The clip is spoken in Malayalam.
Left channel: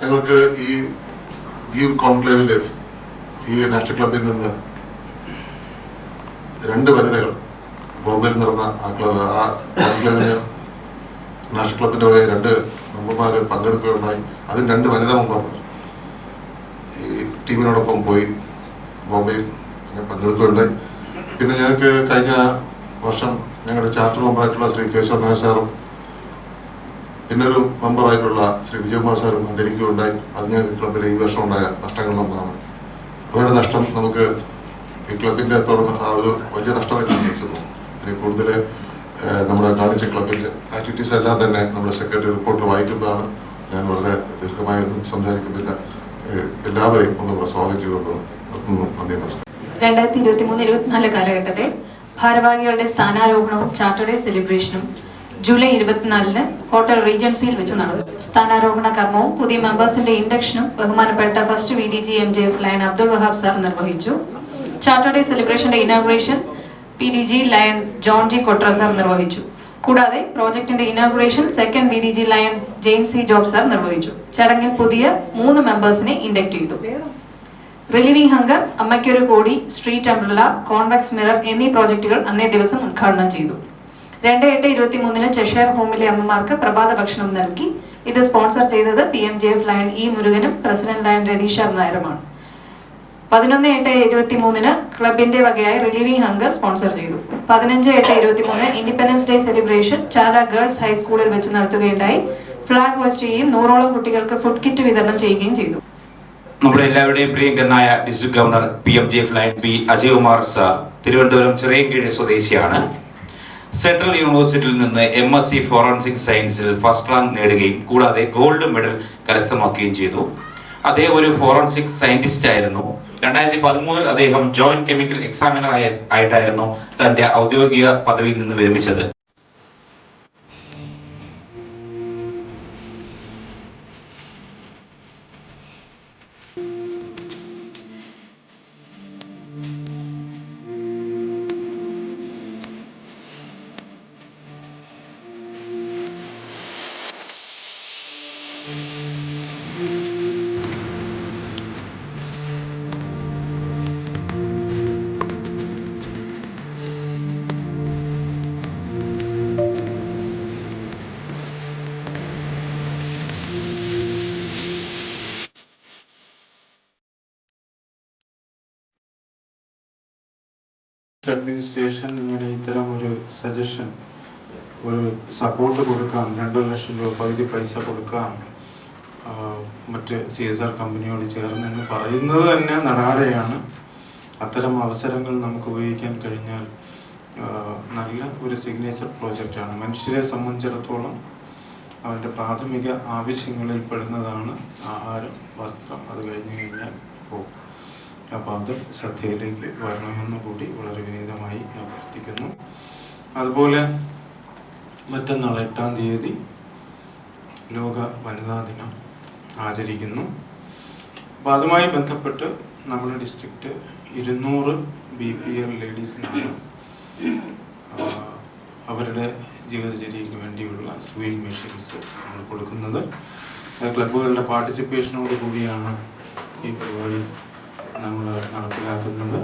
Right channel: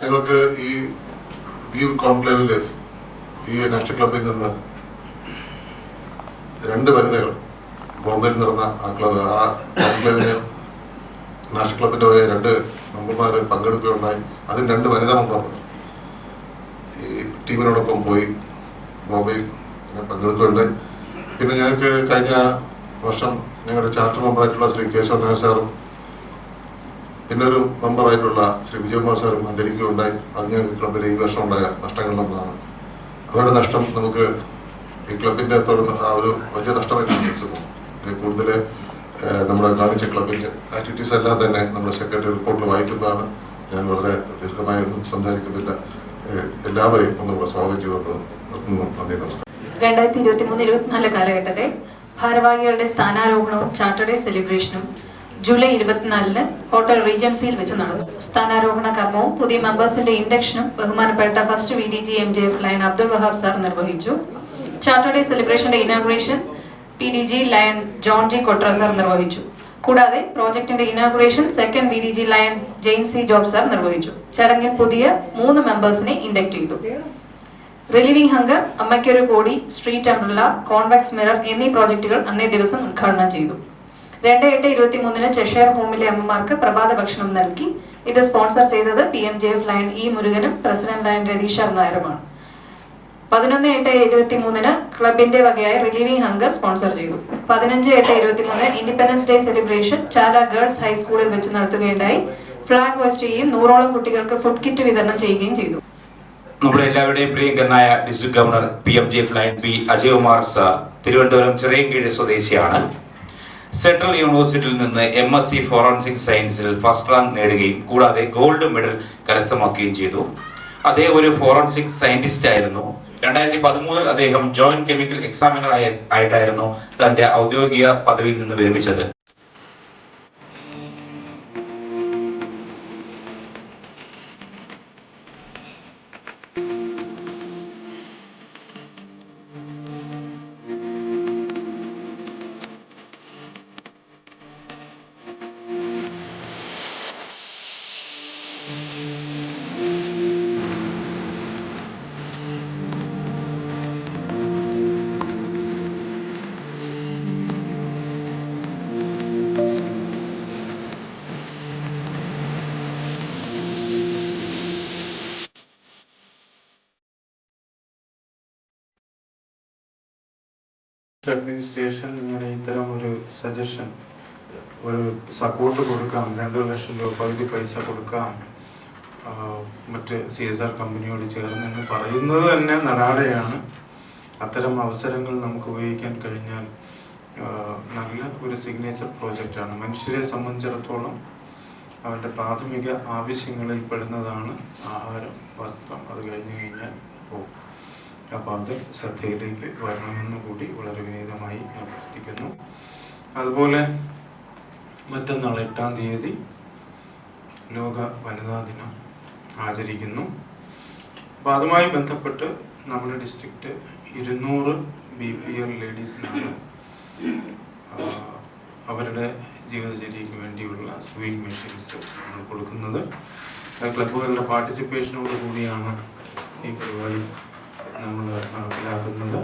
ഞങ്ങൾക്ക് ഈ കോൺക്ലേവില് ഈ നാഷണൽ ക്ലബിൽ നിന്ന് 2 വനിതകൾ ബോംബെയിൽ നടന്ന ആ കോൺക്ലേവിന് നാഷണൽ ക്ലബിന്റെ 2 മെമ്പർമാർ പങ്കെടുക്കുകയുണ്ടായി. അതിന് 2 വനിതാ മെമ്പർമാർ ഈ ടീമിനോടൊപ്പം പോയി ബോംബെയിൽ പങ്കെടുക്കുകയുണ്ടായി. പിന്നെ ഞങ്ങൾക്ക് കഴിഞ്ഞ വർഷം ഞങ്ങളുടെ ചാർട്ടർ മെമ്പറായിട്ടുള്ള ശ്രീ കേശവ നായർ സാറും പിന്നെ ഒരു മെമ്പറായിട്ടുള്ള ശ്രീ വിജയകുമാർ സാറും അന്തരിക്കുകയുണ്ടായി. അത് ഞങ്ങൾക്ക് ക്ലബിലെ ഈ വർഷം ഉണ്ടായ നഷ്ടങ്ങളിലൊന്നാണ്. അവരുടെ നഷ്ടം നമുക്ക് ഈ ക്ലബിന്റെ തുടർന്ന് ആ ഒരു വലിയ നഷ്ടമായി നിൽക്കുന്നു. ഇനി കൂടുതൽ നമ്മുടെ കാണിച്ച ക്ലബിന്റെ ആക്ടിവിറ്റീസ് എല്ലാം തന്നെ നമ്മുടെ സെക്രട്ടറി റിപ്പോർട്ടിൽ വായിക്കുന്നതാണ്. ഞാൻ വളരെ ദീർഘമായൊന്നും സംസാരിക്കുന്നില്ല. എല്ലാവരെയും ഒന്നുകൂടെ സ്വാഗതം ചെയ്തുകൊണ്ട് നിർത്തുന്നു. നന്ദി, നമസ്കാരം. 2023-24 കാലഘട്ടത്തെ ഭാരവാഹികളുടെ സ്ഥാനാരോഹണവും ചാർട്ടർ ഡേ സെലിബ്രേഷനും ജൂലൈ 24-ന് ഹോട്ടൽ റീജൻസിയിൽ വെച്ച് നടന്നു. സ്ഥാനാരോഹണ കർമ്മവും പുതിയ മെമ്പേഴ്സിന്റെ ഇൻഡക്ഷനും ബഹുമാനപ്പെട്ട first VDG MJF lion Abdul Wahab sir നിർവഹിച്ചു. ചാർട്ടർ ഡേ സെലിബ്രേഷന്റെ inauguration PDG lion John G Kotra sir നിർവഹിച്ചു. കൂടാതെ പ്രോജക്ടിന്റെ inauguration second VDG lion Jain C Job sir നിർവഹിച്ചു. ചടങ്ങിൽ പുതിയ 3 മെമ്പേഴ്സിനെ ഇൻഡക്ട് ചെയ്തു. റിലീവിംഗ് ഹങ്കർ, അമ്മയ്ക്കൊരു കോടി, സ്ട്രീറ്റ് അംബ്രല, കോൺവെക്സ് മിറർ എന്നീ പ്രോജക്റ്റുകൾ അന്നേ ദിവസം ഉദ്ഘാടനം ചെയ്തു. 2/8/23-ന് ചെഷയർ ഹോമിലെ അമ്മമാർക്ക് പ്രഭാത ഭക്ഷണം നൽകി. ഇത് സ്പോൺസർ ചെയ്തത് PMJF ലയൺ E മുരുകനും പ്രസിഡന്റ് ലയൺ രതീഷ് നായരുമാണ്. 11/8/23-ന് ക്ലബിന്റെ വകയായി റിലീവിംഗ് ഹങ്കർ സ്പോൺസർ ചെയ്തു. 15/8/23 independence day celebration Chala girls ഹൈസ്കൂളിൽ വെച്ച് നടത്തുകയുണ്ടായി. ഫ്ലാഗ് ഹോസ്റ്റ് ചെയ്യുകയും 100ഓളം കുട്ടികൾക്ക് ഫുഡ് കിറ്റ് വിതരണം ചെയ്യുകയും ചെയ്തു. നമ്മുടെ എല്ലാവരുടെയും പ്രിയങ്കരനായ district governor PMJF lion P Ajaykumar sir Thiruvananthapuram Chirayinkeezhu സ്വദേശിയാണ്. സെൻട്രൽ യൂണിവേഴ്സിറ്റിയിൽ നിന്ന് MSc ഫോറൻസിക് സയൻസിൽ ഫസ്റ്റ് റാങ്ക് നേടുകയും കൂടാതെ ഗോൾഡ് മെഡൽ കരസ്ഥമാക്കുകയും ചെയ്തു. അദ്ദേഹം ഒരു ഫോറൻസിക് സയന്റിസ്റ്റ് ആയിരുന്നു. 2013 അദ്ദേഹം ജോയിന്റ് കെമിക്കൽ എക്സാമിനർ ആയിട്ടായിരുന്നു തന്റെ ഔദ്യോഗിക പദവിയിൽ നിന്ന് വിരമിച്ചത്. അഡ്മിനിസ്ട്രേഷൻ ഇങ്ങനെ ഇത്തരം ഒരു സജഷൻ, ഒരു സപ്പോർട്ട് കൊടുക്കാം, 2 ലക്ഷം രൂപ പകുതി പൈസ കൊടുക്കാം മറ്റ് CSR കമ്പനിയോട് ചേർന്നെന്ന് പറയുന്നത് തന്നെ നടാടെയാണ്. അത്തരം അവസരങ്ങൾ നമുക്ക് ഉപയോഗിക്കാൻ കഴിഞ്ഞാൽ നല്ല ഒരു സിഗ്നേച്ചർ പ്രോജക്റ്റാണ്. മനുഷ്യരെ സംബന്ധിച്ചിടത്തോളം അവൻ്റെ പ്രാഥമിക ആവശ്യങ്ങളിൽ പെടുന്നതാണ് ആഹാരം, വസ്ത്രം. അത് കഴിഞ്ഞു കഴിഞ്ഞാൽ പോകും. അപ്പോൾ അത് ശ്രദ്ധയിലേക്ക് വരണമെന്ന് കൂടി വളരെ വിനീതമായി അഭ്യർത്ഥിക്കുന്നു. അതുപോലെ മറ്റന്നാൾ 8-ാം തീയതി ലോക വനിതാ ദിനം ആചരിക്കുന്നു. അപ്പോൾ അതുമായി ബന്ധപ്പെട്ട് നമ്മുടെ ഡിസ്ട്രിക്റ്റ് 200 BPL ലേഡീസിനാണ് അവരുടെ ജീവിതചര്യയ്ക്ക് വേണ്ടിയുള്ള സൂയിങ് മെഷീൻസ് നമ്മൾ കൊടുക്കുന്നത്. ക്ലബ്ബുകളുടെ പാർട്ടിസിപ്പേഷനോട് കൂടിയാണ് ഈ പരിപാടി നമ്മൾ നടപ്പിലാക്കുന്നത്.